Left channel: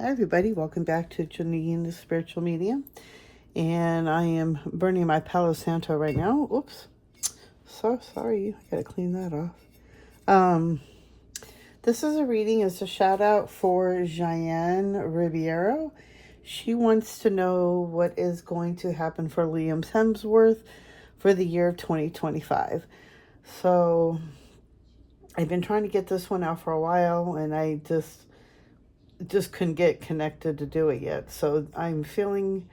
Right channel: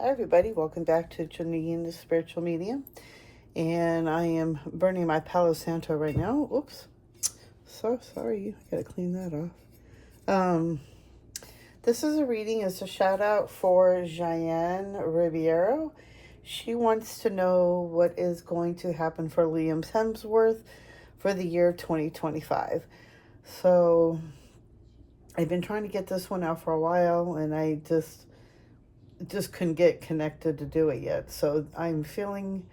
Hi everybody, welcome back to Jaiane the Spiritual Medium. And I am burning my Palo Santo right now. Oops. So sorry. I gotta clean that off. This is a reading, it's a shout out for Jaiane Ribeiro. She wants to know what is going to happen for Liam Hemsworth for the year of 2025. So I've been trying to get this one out for a while and I just couldn't get connected to do it yet. So I'm feeling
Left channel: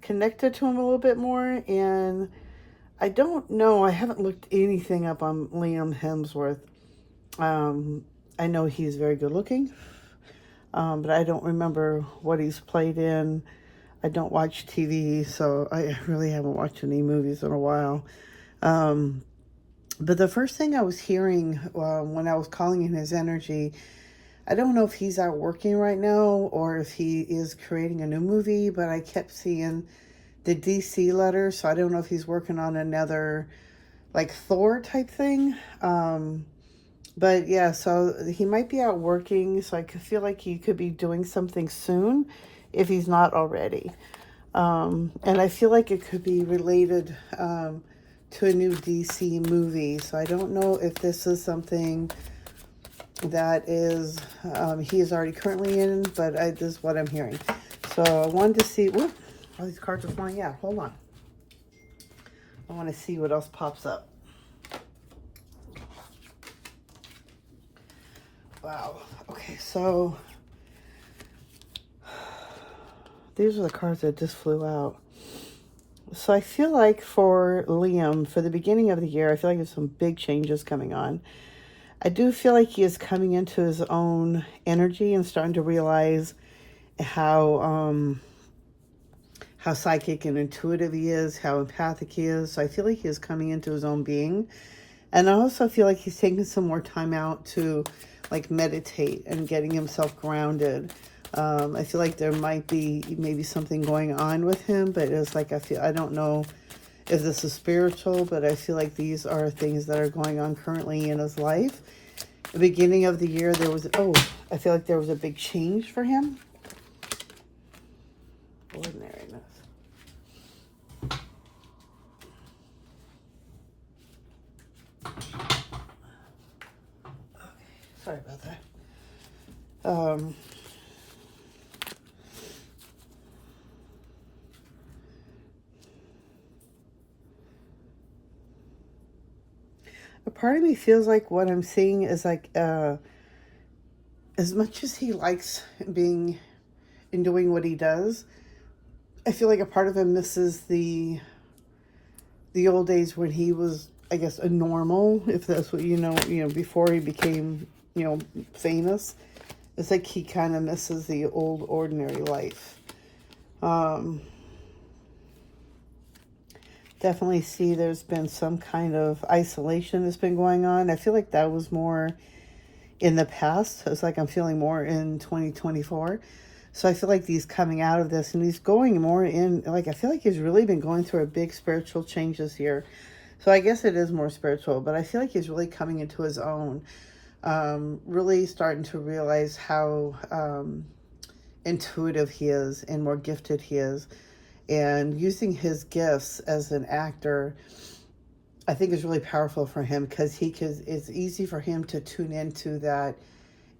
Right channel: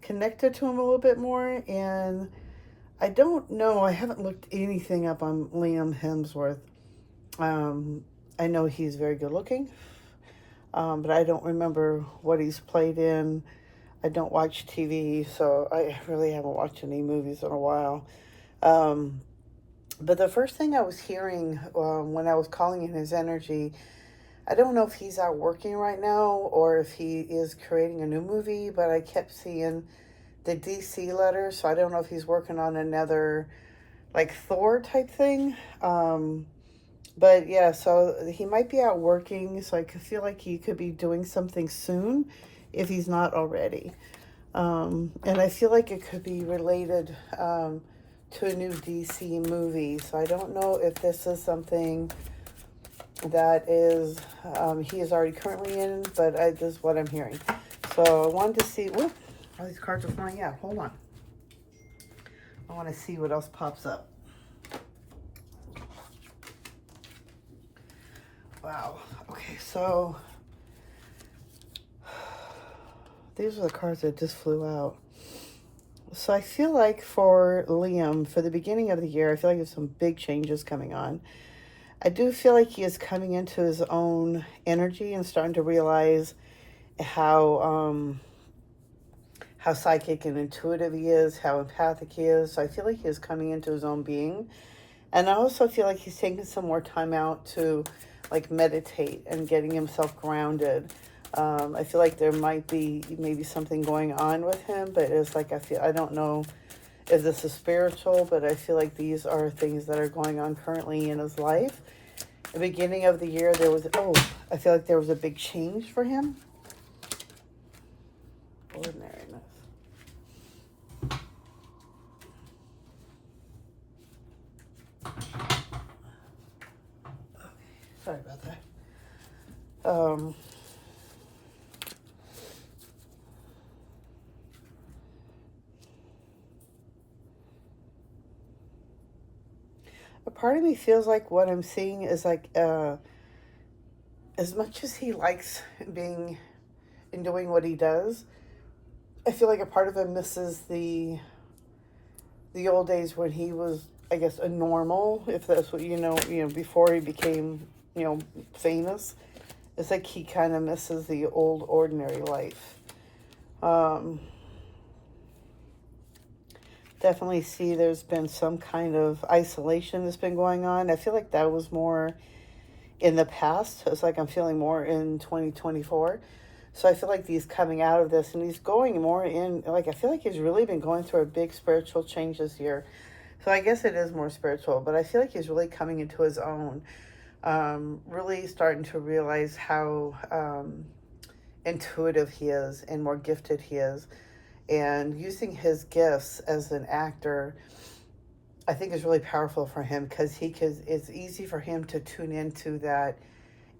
connected to him a little bit more, and I don't know. I haven't looked anything up on Liam Hemsworth. Um, I know he's very good looking, but I don't remember what he's played in. I don't watch TV, so I really haven't watched any movies in a while. Um, but the first thing I was hearing when I was calling in his energy, I don't know if he's out working right now or if he is creating a new movie, but I kept seeing the DC letter, so I don't know if he's working on another like Thor type thing. But yeah, so he might be out working, so I could feel like he could be doing something soon if he's not already. And I feel like it could be related to a new DC movie, so I don't know if this is something that is he is already currently in, but this is what I'm hearing. So I wanted to see. Ooh, all these cards are flying out. Hold on. I want to see what else pops up. Wow. Okay, so these are the cards that just flew out. So I feel like for Liam, for the beginning of the year, I feel like there's some big changes coming on. I do feel like he is coming into his own energy and starting to realize how psychic and intuitive he is, how empathic he is. So I feel like he is coming into his own being. And I also feel like he's taking some more time out to like meditate and getting himself grounded. I feel like there might be maybe something going on with him, but it's like I don't know if this is spiritual, but I feel like these are things that are going on currently in his life. The beginning of the year, I feel like there was a big change for him. Ordinariness. Sorry about that. A part of me feels like what I'm seeing is like, as much as he likes being and doing what he does, I feel like a part of him misses the old days when he was, I guess, a normal, if that's what before he became, famous. It's like he kind of misses the old ordinary life. Um, Definitely see there's been some kind of isolation that's been going on. I feel like that was more in the past. It's like I'm feeling more in 2024. So I feel like he's coming out of this and he's going more in, like, I feel like he's really been going through a big spiritual change this year. So I guess it is more spiritual, but I feel like he's really coming into his own, really starting to realize how intuitive he is and more gifted he is. And using his gifts as an actor, I think is really powerful for him because it's easy for him to tune into that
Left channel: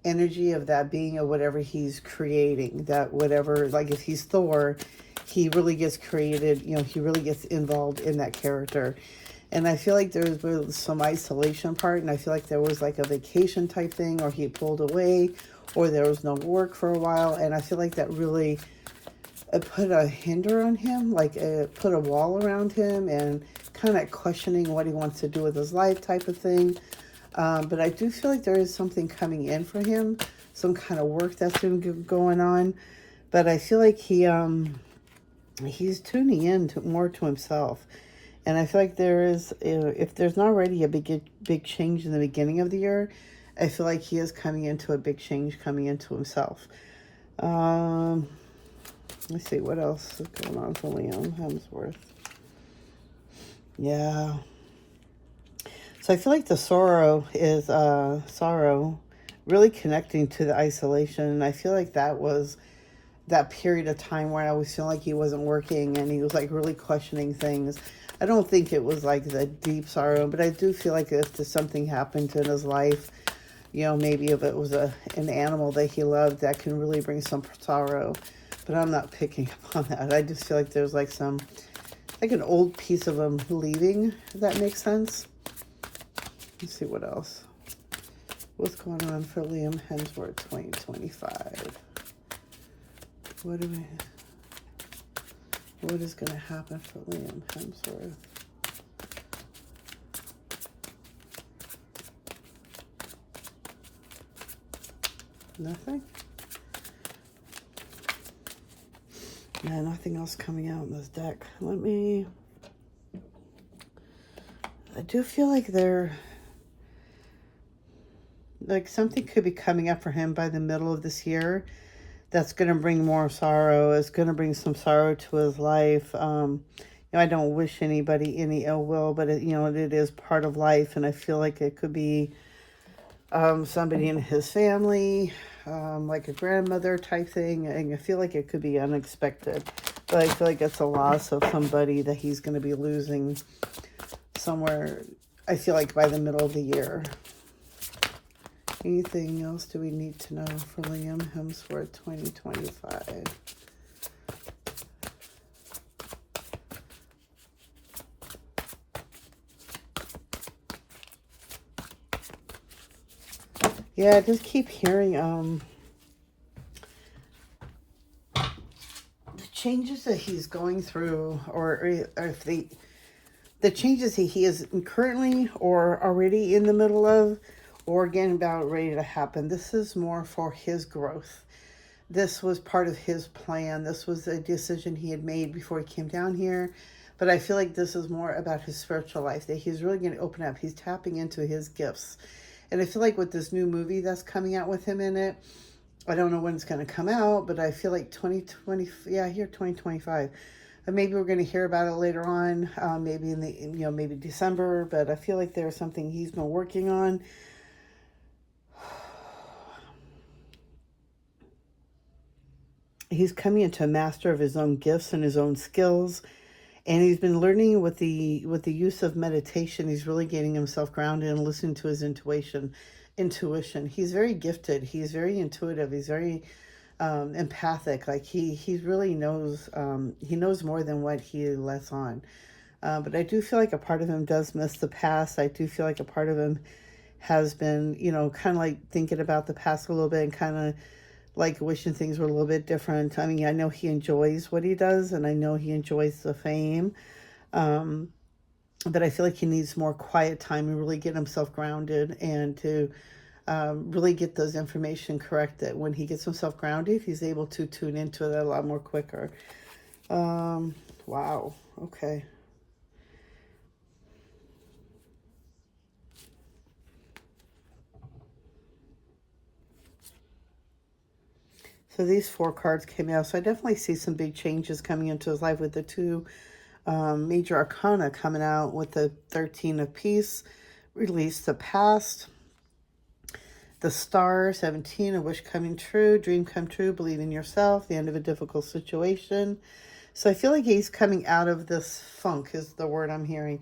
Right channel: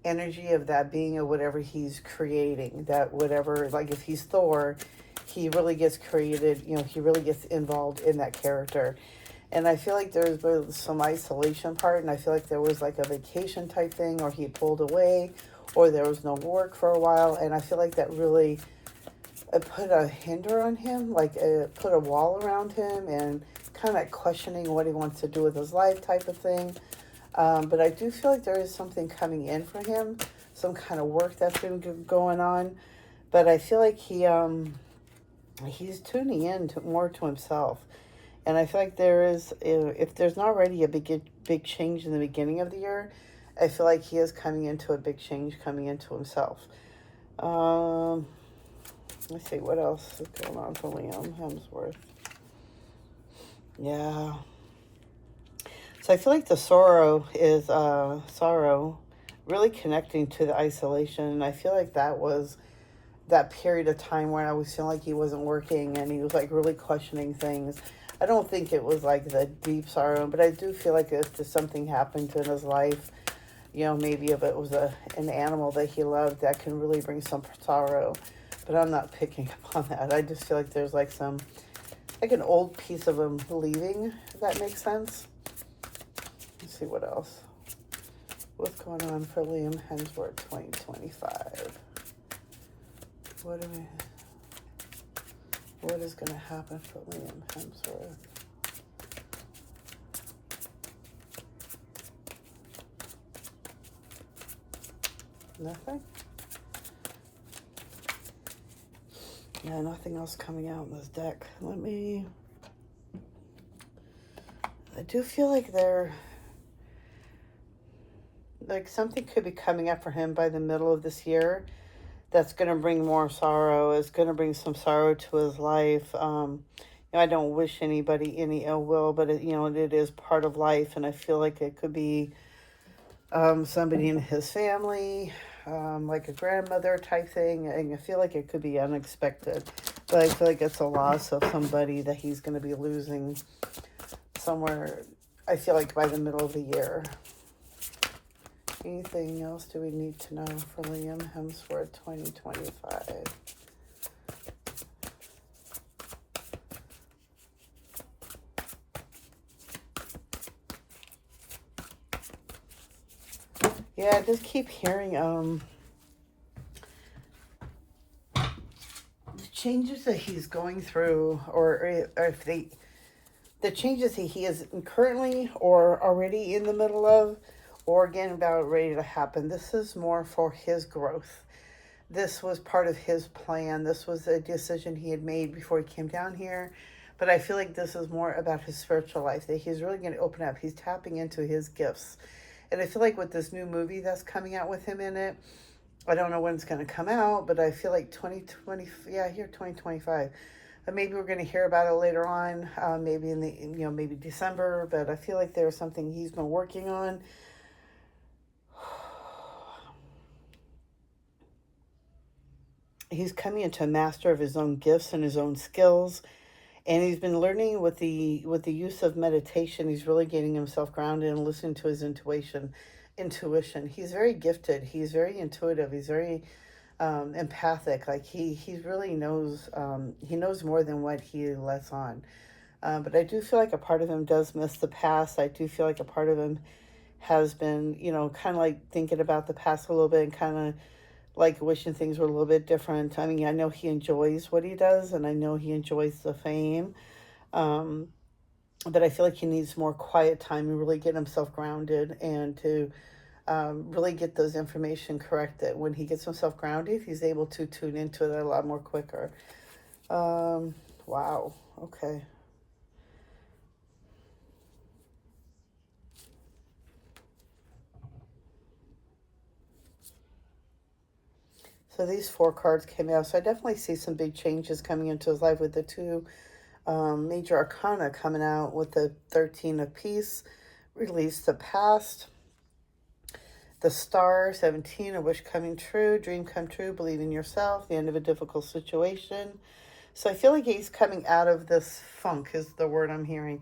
energy of that being of whatever he's creating, that whatever, like if he's Thor, he really gets created, he really gets involved in that character. And I feel like there's some isolation part, and I feel like there was like a vacation type thing, or he pulled away, or there was no work for a while, and I feel like that really put a hinder on him, like put a wall around him, and kind of questioning what he wants to do with his life type of thing. But I do feel like there is something coming in for him, some kind of work that's been going on. But I feel like he's tuning in more to himself. And I feel like there is, if there's not already a big change in the beginning of the year, I feel like he is coming into a big change, coming into himself. Let's see, what else is going on for Liam Hemsworth? Yeah. So I feel like the sorrow is sorrow really connecting to the isolation. And I feel like that was that period of time where I always feel like he wasn't working and he was like really questioning things. I don't think it was like the deep sorrow, but I do feel like if there's something happened in his life, maybe if it was an animal that he loved, that can really bring some sorrow. But I'm not picking up on that. I just feel like there's like an old piece of him leaving, if that makes sense. Let's see what else. What's going on for Liam Hemsworth 2025? What is going to happen for Liam Hemsworth? Nothing? Yeah, nothing else coming out in this deck. I do feel like something could be coming up for him by the middle of this year that's going to bring more sorrow. It's going to bring some sorrow to his life. I don't wish anybody any ill will, but it is part of life, and I feel like it could be somebody in his family, like a grandmother type thing. And I feel like it could be unexpected, but I feel like it's a loss of somebody that he's going to be losing somewhere, I feel like by the middle of the year. Anything else do we need to know for Liam Hemsworth 2025? Yeah, I just keep hearing the changes that he's going through, or if the changes he is currently or already in the middle of, or again about ready to happen. This is more for his growth. This was part of his plan. This was a decision he had made before he came down here. But I feel like this is more about his spiritual life, that he's really going to open up. He's tapping into his gifts. And I feel like with this new movie that's coming out with him in it, I don't know when it's going to come out, but I feel like 2025. And maybe we're going to hear about it later on, maybe in maybe December. But I feel like there's something he's been working on. He's coming into a master of his own gifts and his own skills, and he's been learning with the use of meditation. He's really getting himself grounded and listening to his intuition. He's very gifted. He's very intuitive. He's very empathic. Like he really knows. He knows more than what he lets on. But I do feel like a part of him does miss the past. I do feel like a part of him has been, kind of like thinking about the past a little bit and kind of like wishing things were a little bit different. I mean, I know he enjoys what he does, and I know he enjoys the fame, but I feel like he needs more quiet time and really get himself grounded, and to really get those information correct. That when he gets himself grounded, he's able to tune into it a lot more quicker. Wow. Okay. So these 4 cards came out. So I definitely see some big changes coming into his life with the 2 major arcana coming out, with the 13 of Peace, release the past, the Star, 17, a wish coming true, dream come true, believe in yourself, the end of a difficult situation. So I feel like he's coming out of this funk is the word I'm hearing.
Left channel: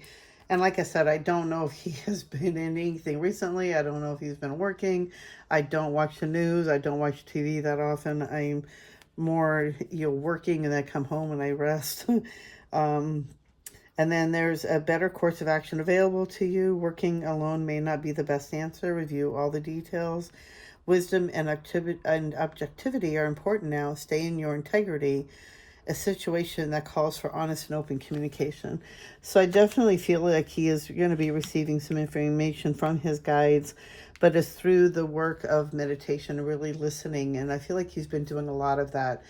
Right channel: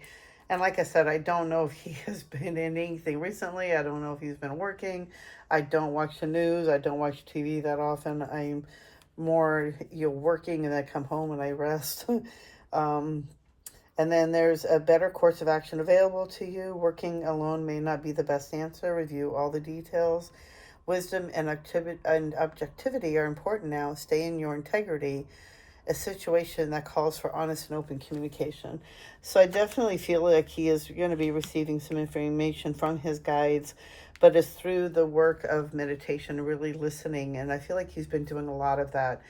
And like I said, I don't know if he has been in anything recently. I don't know if he's been working. I don't watch the news. I don't watch TV that often. I'm more, working, and I come home and I rest. And then there's a better course of action available to you. Working alone may not be the best answer. Review all the details. Wisdom and objectivity are important now. Stay in your integrity. A situation that calls for honest and open communication. So I definitely feel like he is going to be receiving some information from his guides, but it's through the work of meditation, really listening. And I feel like he's been doing a lot of that,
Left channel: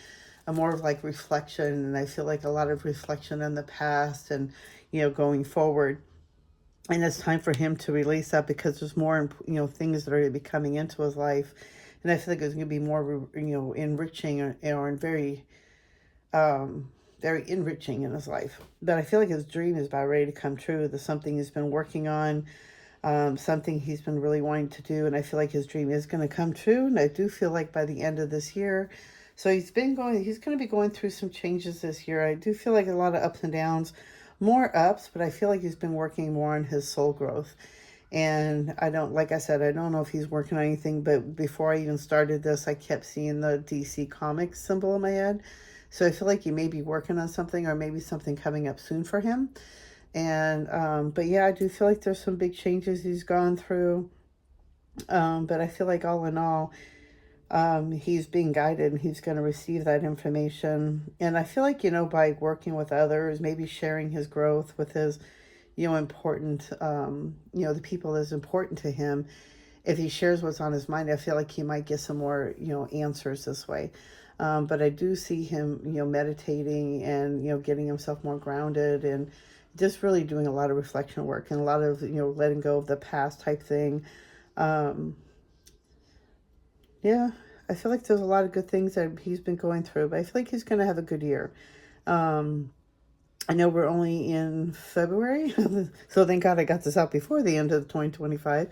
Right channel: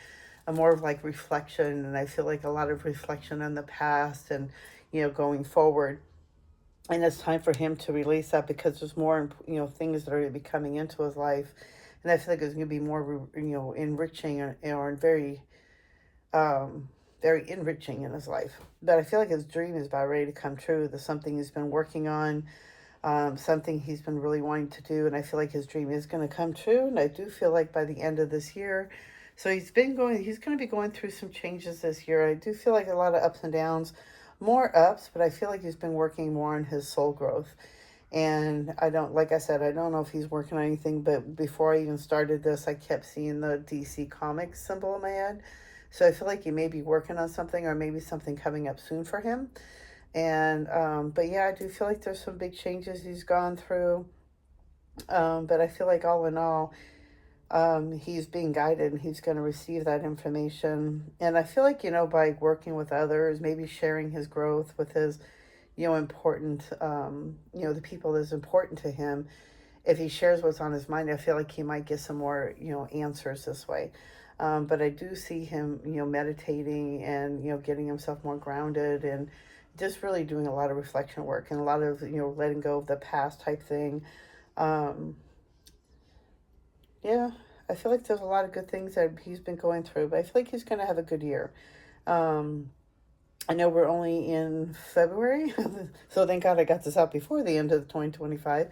more of like reflection. And I feel like a lot of reflection in the past and, going forward. And it's time for him to release that, because there's more, things that are going to be coming into his life. And I feel like it's going to be more, enriching or very enriching in his life. But I feel like his dream is about ready to come true. There's something he's been working on, something he's been really wanting to do, and I feel like his dream is going to come true. And I do feel like by the end of this year, So he's going to be going through some changes this year. I do feel like a lot of ups and downs, more ups, but I feel like he's been working more on his soul growth. And I don't, like I said, I don't know if he's working on anything, but before I even started this, I kept seeing the DC Comics symbol in my head. So I feel like he may be working on something, or maybe something coming up soon for him. And, but yeah, I do feel like there's some big changes he's gone through. But I feel like all in all, he's being guided and he's going to receive that information. And I feel like, by working with others, maybe sharing his growth with his, important, the people that's important to him, if he shares what's on his mind, I feel like he might get some more, answers this way. But I do see him, meditating and, getting himself more grounded and just really doing a lot of reflection work and a lot of, letting go of the past type thing. Um, yeah, I feel like there's a lot of good things that he's been going through, but I feel like he's going to have a good year. Um, I know we're only in February, so thank God I got this out before the end of 2025.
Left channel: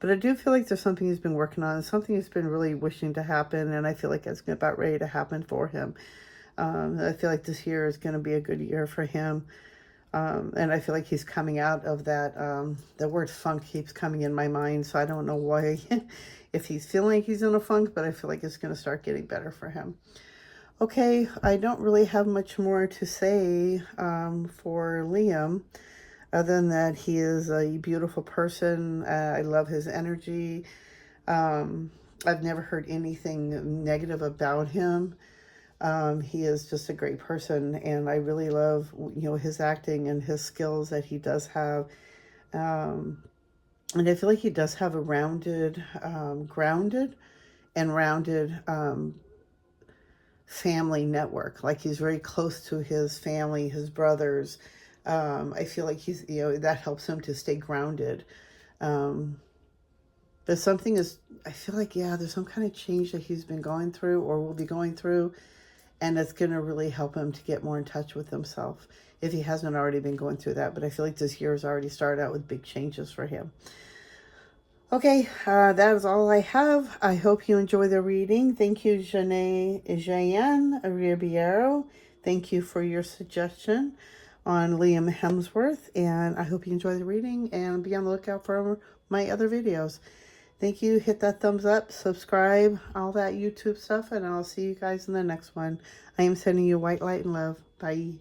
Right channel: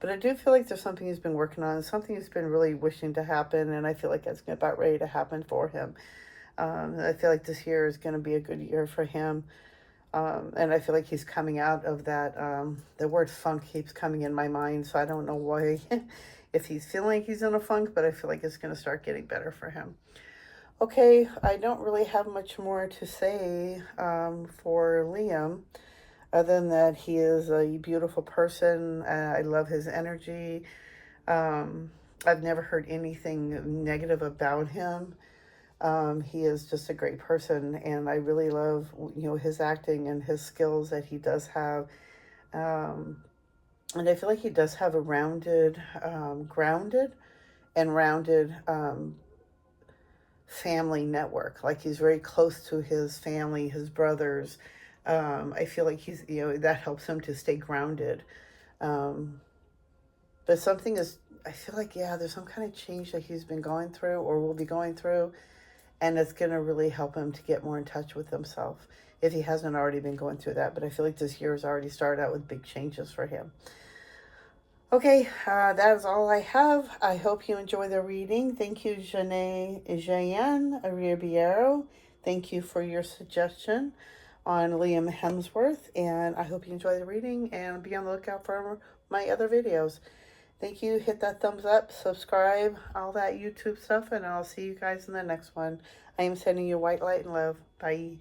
But I do feel like there's something he's been working on, something he's been really wishing to happen, and I feel like it's about ready to happen for him. I feel like this year is going to be a good year for him. And I feel like he's coming out of that. The word funk keeps coming in my mind, so I don't know why, if he's feeling like he's in a funk, but I feel like it's going to start getting better for him. Okay, I don't really have much more to say for Liam, other than that he is a beautiful person. I love his energy. Um, I've never heard anything negative about him. He is just a great person, and I really love, his acting and his skills that he does have. Um, and I feel like he does have a grounded and rounded family network. Like he's very close to his family, his brothers. I feel like he's, that helps him to stay grounded. Um, but something is, I feel like, yeah, there's some kind of change that he's been going through or will be going through, and it's going to really help him to get more in touch with himself if he hasn't already been going through that. But I feel like this year has already started out with big changes for him. Okay, that is all I have. I hope you enjoy the reading. Thank you, Jaiane Ribeiro. Thank you for your suggestion on Liam Hemsworth, and I hope you enjoy the reading and be on the lookout for my other videos. Thank you. Hit that thumbs up, subscribe, all that YouTube stuff, and I'll see you guys in the next one. I am sending you white light and love. Bye.